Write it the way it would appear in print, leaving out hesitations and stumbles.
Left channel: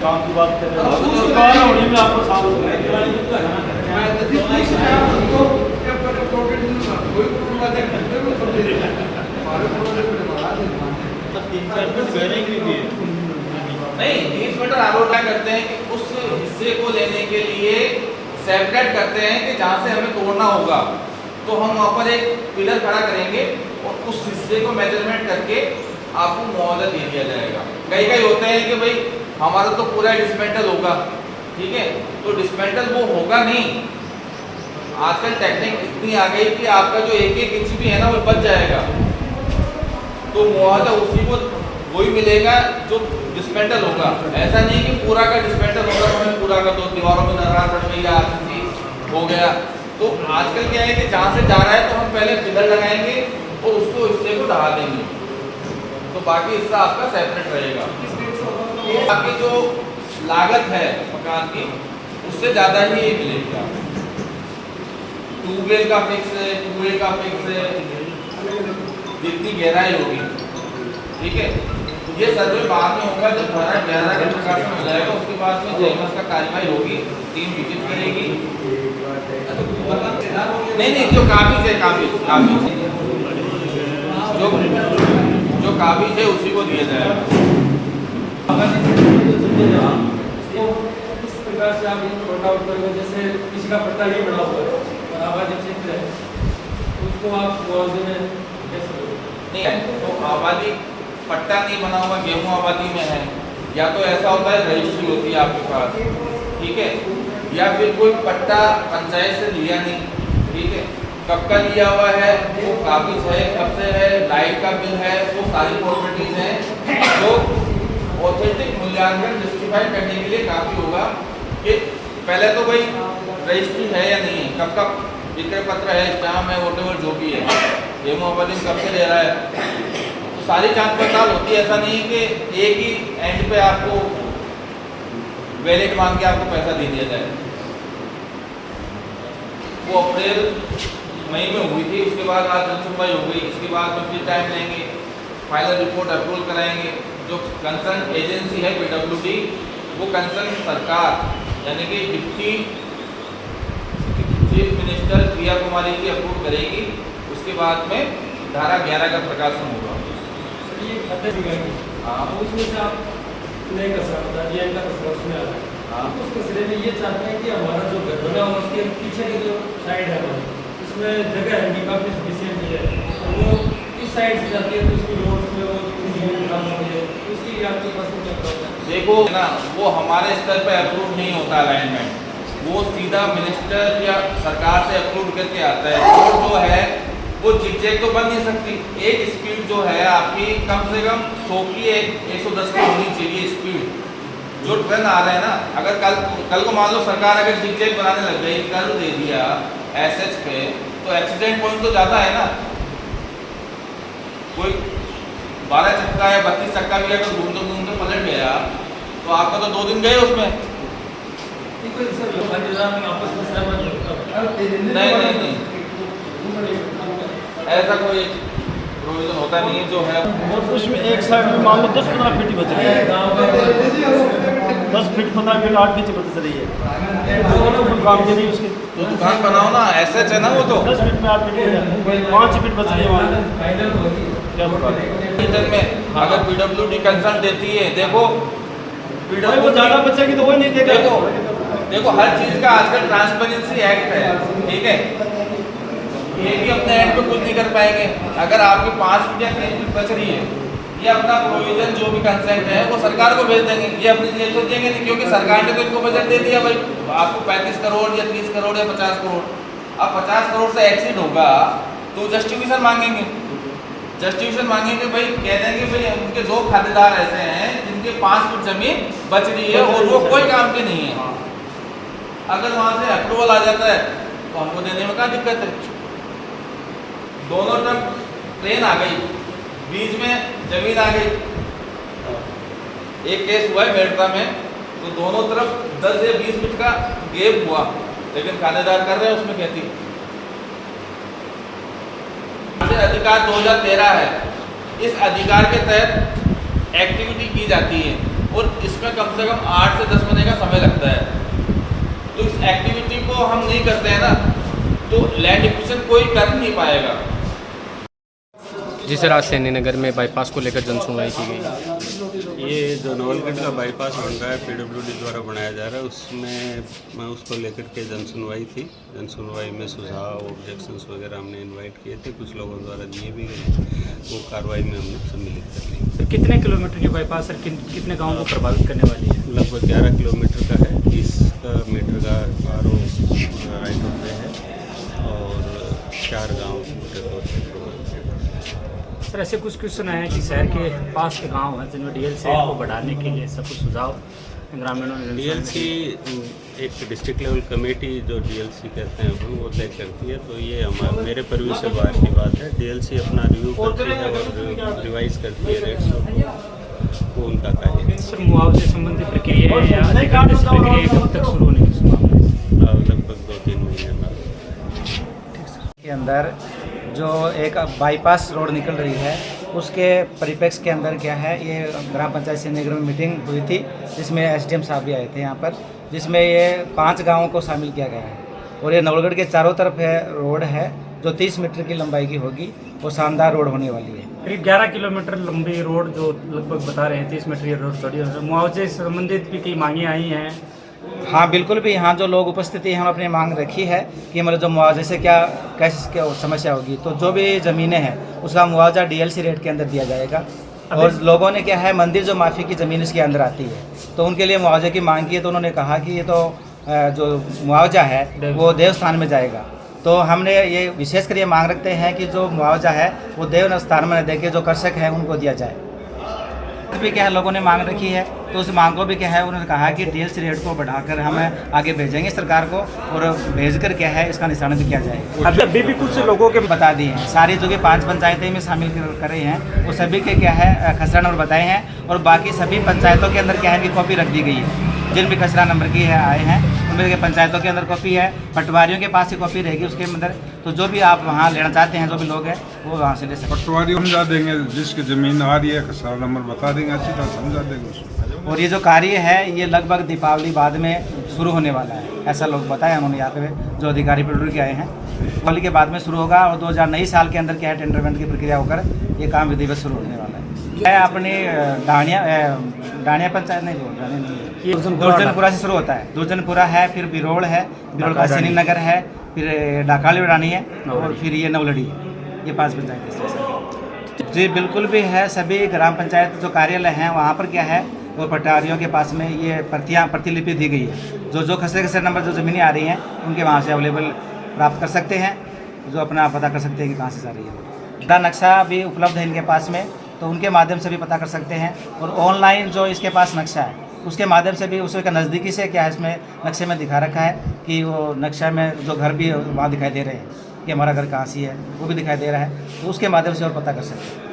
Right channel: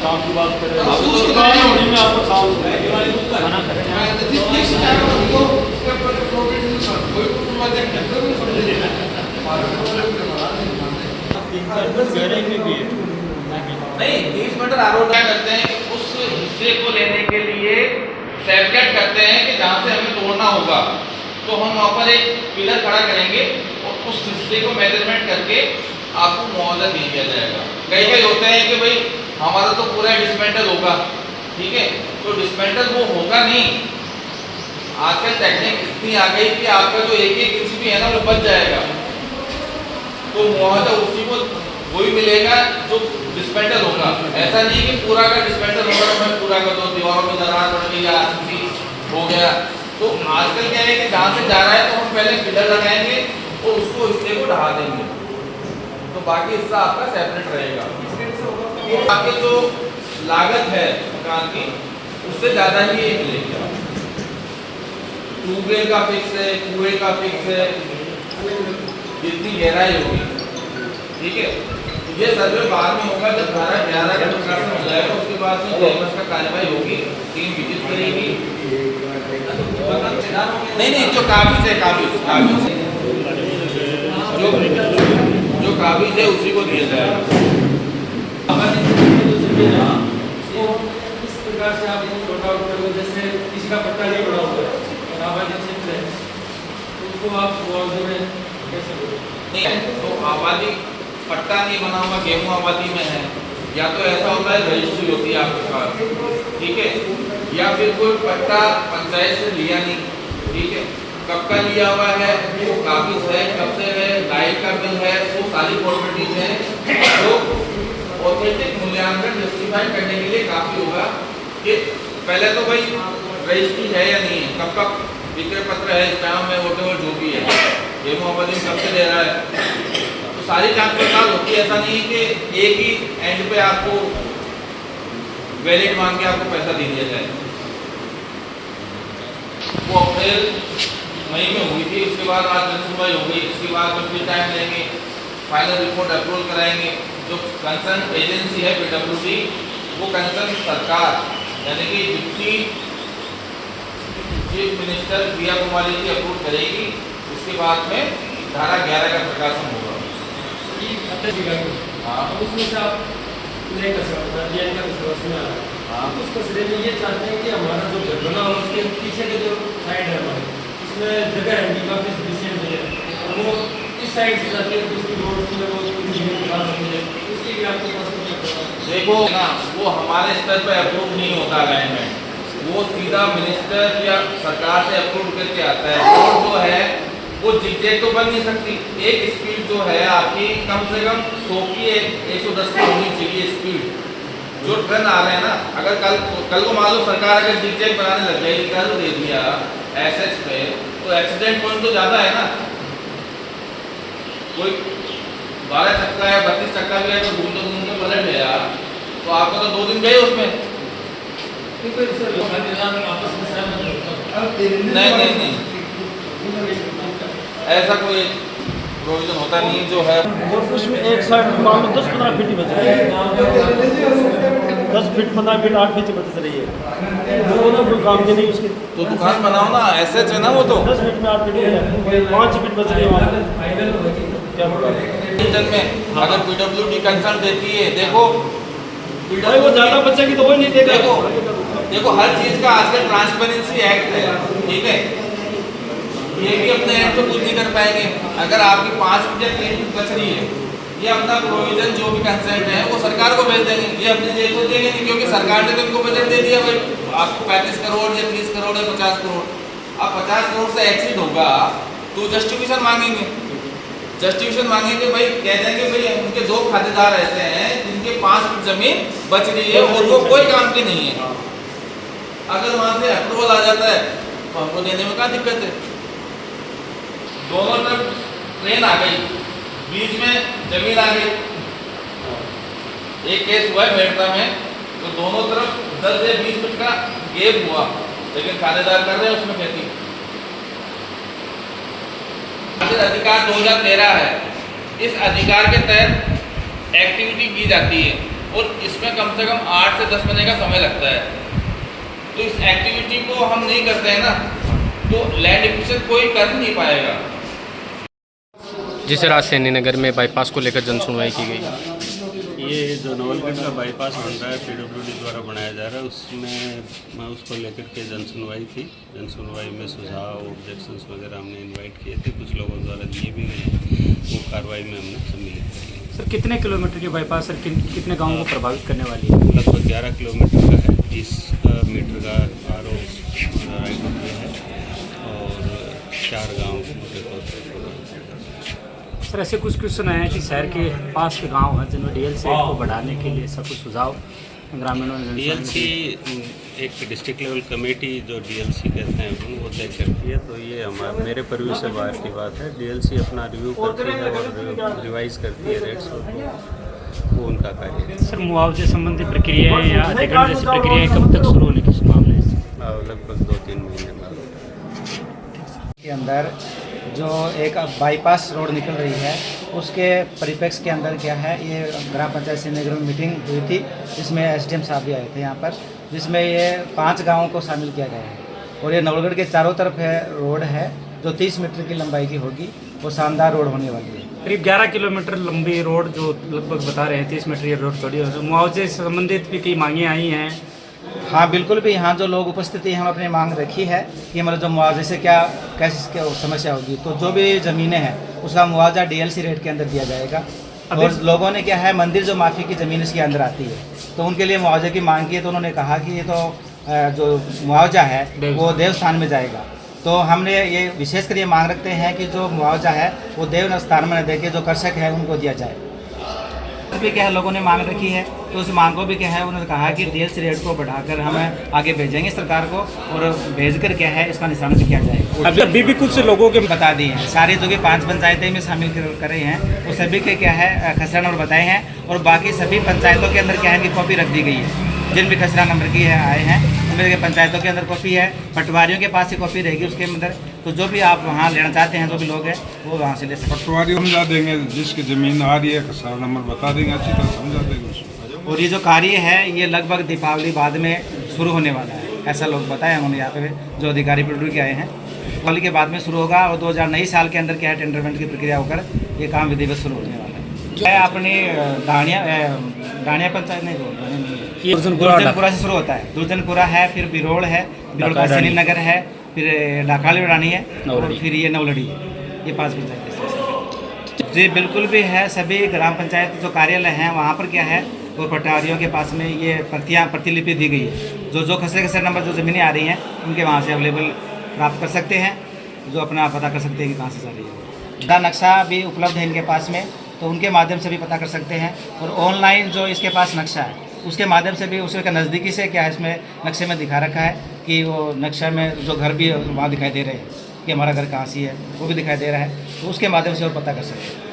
काम की बात कर रहे हो, दुकान होने में आपको काम नहीं 30 मीटर आरोप करते हैं कि उस हिस्से को लेने के लिए सेपरेट करते हैं कि जहाँ से हमें तोड़ना होगा, तो हम वहाँ पर एक पिलर खड़ा करेंगे और उस हिस्से को मेजरमेंट करके आपको मुआवजा दे दिया जाएगा। कई कई होते हैं कि भाई हमारा तो पूरा डिसमेंटल होगा, ठीक है, तो डिसमेंटल वो होगा नहीं। आजकल टेक्निक इतनी आ गई कि आपका जो एक एक इंच भी है ना वो बच जाएगा, तो मुआवजा उसी को वही मिलेगा जो डिसमेंटल होगा। ऐसा नहीं कि पूरा का डिसमेंटल होगा तो हमें पूरा का दो दीवारों में दरार पड़ गई या हो गया। तो आजकल क्या है कि जहाँ से जा रहा है तो हम पहले पिलर लगाएंगे और उसको हिस्से को ढहा देंगे, तो बाकी हिस्सा आपका सेपरेट रहेगा। ये आपकी जो लागत है मकान की उससे ज़्यादा ही ये मिलेगी। ट्यूबवेल का फिक्स है, कुएं का फिक्स है, जितनी गहराई होगी, ठीक है। ये सर्वे बाद में होगा जब धारा 11 का प्रकाशन हो जाएगा, उसके बाद में जेएमएस का कार्यवाही होगी, टीम विजिट करेगी। नहीं जो काबिज है, जो काबिज है उसी को दिया जाएगा। इस प्रकार से आप छोटा उठाओगे, जैसे किसी का पट्टा नहीं बना हुआ है और आबादी क्षेत्र है, तो उसको आप मुआवजे में कैसे लोगे? नहीं तो आबादी पट्टा नहीं बना हुआ, गेहूं आबादी में है, या तो ऐसा होता है रजिस्ट्री होती है आपके पास, ठीक है, या फिर कोई पट्टा पंचायत से लिया नहीं, ठीक है, कब का लिया हुआ है, वो काबिज है, कब से है, लाइट का बिल है, वो सारी फॉर्मेलिटीज हैं। तो ऑथेंटिक मूल्यांकन जस्टिफाई करने के लिए काफ़ी होगा कि पहले तो भाई रजिस्ट्री है या नहीं है, कब का विक्रय पत्र है, स्टैम्प है, वोटेवर जो भी है, गेहूं आबादी में कब से ले रहा है, सारी जांच पड़ताल होती है। ऐसा नहीं कि एक ही एंड पे आपको वैलिड मान के आपको पैसा दे दिया जाए। वो अप्रैल मई में हुई थी, उसके बाद आज जनसुनवाई हो गई, इसके बाद में फिर टाइम लेंगे, फाइनल रिपोर्ट अप्रूवल कराएंगे। जो कंसर्न एजेंसी है पीडब्ल्यूडी, वो कंसर्न सरकार यानी कि deputy chief minister Priya Kumari ji approve करेगी, उसके बाद में धारा 11 का प्रकाशन होगा। हाँ, उसमें से आप नहीं कर सकते, उस कचरे में ये चाहते हैं कि हमारा जो घर बना हो उसके पीछे की जो साइड है हमारी, उसमें जगह है नहीं, काफ़ी स्पेशल मिले, वो इस साइड से जाती है तो उसकी रोड में वो उसकी भी आपके पास देखो ना, वो हमारे स्तर पर अप्रूव नहीं होता अलाइनमेंट, वो सीधा मिनिस्टर या सरकार से अप्रूव करके आता है। रोड जो है वो जिगजैग तो बन नहीं सकती, एक स्पीड जो है आपकी कम से कम 100 की 110 की होनी चाहिए स्पीड। जो ट्रेन आ रहे हैं ना, अगर कल को मान लो सरकार अगर जिगजैग बनाने लग जाएगी, कर दे दिया एसएच पे, तो एक्सीडेंट पॉइंट तो ज़्यादा है ना। कोई 12 चक्का या 32 चक्का भी है तो घूमते पलट गया तो आपका तो 2 दिन गए उसमें। नहीं ऐसा कोई प्रोविजन होता नहीं है जो है। और उसमें एक साइड में मान लो 10-15 फीट बच रही है, 10 फीट 15 फीट 8 फीट बच रही है, वो ना कोई काम के नहीं उसके, तो दुकान बनाओ ना, एसएच है ना वो तो 10 फीट में 8 फीट 5 फीट बच रही है वहाँ, क्या पता में अगर पीडब्ल्यूडी कंसर्न देती है। देखो वो ज़्यादा बचेगी तो वो नहीं देगा। देखो हर चीज़ का आजकल ट्रांसपेरेंसी एक्ट है, ठीक है, ये भी अपने एंड पे कुछ नहीं कर पाएंगे। अगर आपकी 5 फीट या 3 फीट बच रही है, ये अपना प्रोविजन जो भी कंसेंट है वो सरकार को भेज देंगे, ये अपनी जेब से देंगे नहीं, क्योंकि सरकार ने तो इनको बजट दे दिया भाई आपको 35 करोड़ या 30 करोड़ या 50 करोड़। अब 50 करोड़ से एक्सीड होगा तो जस्टिफिकेशन मांगेंगे, जस्टिफिकेशन मांगेंगे भाई, कह देंगे भाई उनके 2 खातेदार ऐसे हैं जिनके 5 फीट जमीन बच रही है और वो कोई काम की नहीं है। अगर वहाँ से अप्रूवल आ जाता है तो हमको देने में क्या दिक्कत है। दोनों तरफ ट्रेन आ गई, बीच में जमीन आ गई। एक केस हुआ है मेरठा में, तो दोनों तरफ 10 या 20 फीट का गैप हुआ, लेकिन खातेदार कर रहे हैं उसमें खेती। अधिकार 2013 है, इस अधिकार के तहत एक्टिविटी की जाती है और इसमें कम से कम 8 से 10 महीने का समय लगता है। तो इस एक्टिविटी को हम नहीं करते हैं ना, तो लैंड एक्विजिशन कोई कर ही नहीं पाएगा। जिस रात सैनी नगर में बाईपास को लेकर जन सुनवाई की गई। ये जो नवलगढ़ का बाईपास बन रहा है पीडब्ल्यूडी द्वारा बनाया जा रहा है, उसमें मैं उसको लेकर के जन सुनवाई थी। जन सुनवाई में सुझाव ऑब्जेक्शंस वगैरह हमने इनवाइट किए थे, कुछ लोगों द्वारा दिए भी गए, वो कार्रवाई में हमने सम्मिलित कर ली। सर कितने किलोमीटर के बाईपास है, कितने गाँव को प्रभावित करने वाली है? लगभग 11 किलोमीटर का है, 30 मीटर का RO राइट ऑफ वे है और 4 गाँव मोटे तौर पर प्रभावित है। सर ऐसे कुछ सुना है कि शहर के पास के गांव हैं जिनमें डीएलसी को बढ़ाने के लिए सब कुछ सुझाव ग्रामीणों ने डीएलसी एक डिस्ट्रिक्ट लेवल कमेटी जो डीएलसी कहते हैं अपन वो तय करती है, तो ये मेरे परव्यू से बाहर की बात है। डीएलसी अपना रिव्यू करती है और रिवाइज करती है रेट्स को, तो वो उनका कार्य है। सर मुआवजे संबंधी प्रक्रियाएं या अधिग्रहण जैसी प्रक्रियाएं कब तक शुरू होने की संभावना है? लगभग 2-3 महीने बाद के अंदर जो एक बाईपास रोड निकल रही है उसके परिप्रेक्ष्य के अंदर क्या है, ये ग्राम पंचायत से नगर में मीटिंग हुई थी जिसमें एसडीएम साहब भी आए थे यहाँ पर, जिसमें ये 5 गांवों को शामिल किया गया है और ये नवलगढ़ के चारों तरफ है रोड है जो 30 मीटर की लंबाई की होगी और शानदार रोड होने वाली है। करीब 11 किलोमीटर लंबी रोड जो लगभग बता रहे हैं 30 मीटर ये रोड चौड़ी है। मुआवजे से संबंधित भी कई मांगे आई हैं। हाँ बिल्कुल भी, यहाँ जो लोग उपस्थिति हम अपनी मांग रखी है कि मतलब जो मुआवजे से क्या कैसे क्या समस्या होगी, तो जो भी ज़मीनें हैं उसका मुआवजा डीएलसी रेट के अंदर दिया जाएगा। और लोगों ने क्या है, मंदिर जो माफ़ी की ज़मीन इसके अंदर आती है तो उनके लिए मुआवजे की मांग की है, तो उन्होंने कहा कि ये तो जो मुआवजा है वो देवस्थान में जाएगा। तो हमने ये विशेषकर ये मांग रखते हैं कि जो मुआवजा है वो देव स्थान में न दे के जो कृषक है उनको दिया जाए। भी क्या है लोगों ने मांग रखी है, तो उस मांग को भी क्या है उन्होंने कहा कि डीएलसी रेट को बढ़ाकर हम आगे भेजेंगे सरकार को और भेजकर क्या है इसका निशान भी किया जाएगा। अभी भी कुछ लोगों के बता दिए हैं, सारी जो कि 5 पंचायतें में शामिल कर रही हैं वो सभी के क्या है खसरा नंबर बताए हैं और बाकी सभी पंचायतों के अंदर क्या है कि कॉपी रख दी गई है। जिन भी खसरा नंबर की है आए हैं उनमें पंचायतों के अंदर कॉपी है, पटवारियों के पास ही कॉपी रहेगी उसके अंदर, तो जो भी आप वहाँ लेना चाहते हैं जो भी लोग हैं वो वहाँ से ले सकते हैं। पटवारी समझा देंगे, जिसकी ज़मीन आ रही है खसरा नंबर बता देंगे, अच्छी तरह समझा देंगे उसको। और ये जो कार्य है ये लगभग दीपावली बाद में शुरू होने वाला है, ऐसा लोग बताया उन्होंने यहाँ पे जो अधिकारी पीडब्ल्यूडी के आए हैं। दीपावली के बाद में शुरू होगा और 2000 नई साल के अंदर क्या है टेंडरमेंट की प्रक्रिया होकर ये काम विधिवत शुरू होने वाला है। मैं अपनी डाणिया पंचायत नहीं बोल रहा नहीं, दुर्जनपुरा से शुरू होता है। दुर्जनपुरा है, फिर बिरोड़ है, बिरोड़ का सैनी नगर है, फिर डाकाली रानी है और फिर ये नवलड़ी है। ये 5 पंचायत जी बिल्कुल भी है। सभी ग्राम पंचायत जो कार्यालय हैं वहाँ पर क्या है वो पटवारियों के पास में ये प्रतिलिपि दी गई है। जो खसरे नंबर जो ज़मीनें आ रही हैं उनके वहाँ से अवेलेबल प्राप्त कर सकते हैं, जो अपना पता कर सकते हैं कि कहाँ से जा रही है। दा नक्शा भी उपलब्ध है इनके पास में, तो उनके माध्यम से भी पता कर सकते हैं। और ऑनलाइन जो इसके पास नक्शा है उसके माध्यम से भी उसके नज़दीकी से क्या है इसमें नक्शे में दिखा रखा है कि वो नक्शा में जो घर भी वहाँ दिखाई दे रहे हैं कि हमारा घर कहाँ सी है वो भी दिखाई दे रहा है, तो उसके माध्यम से और पता कर सकते हैं।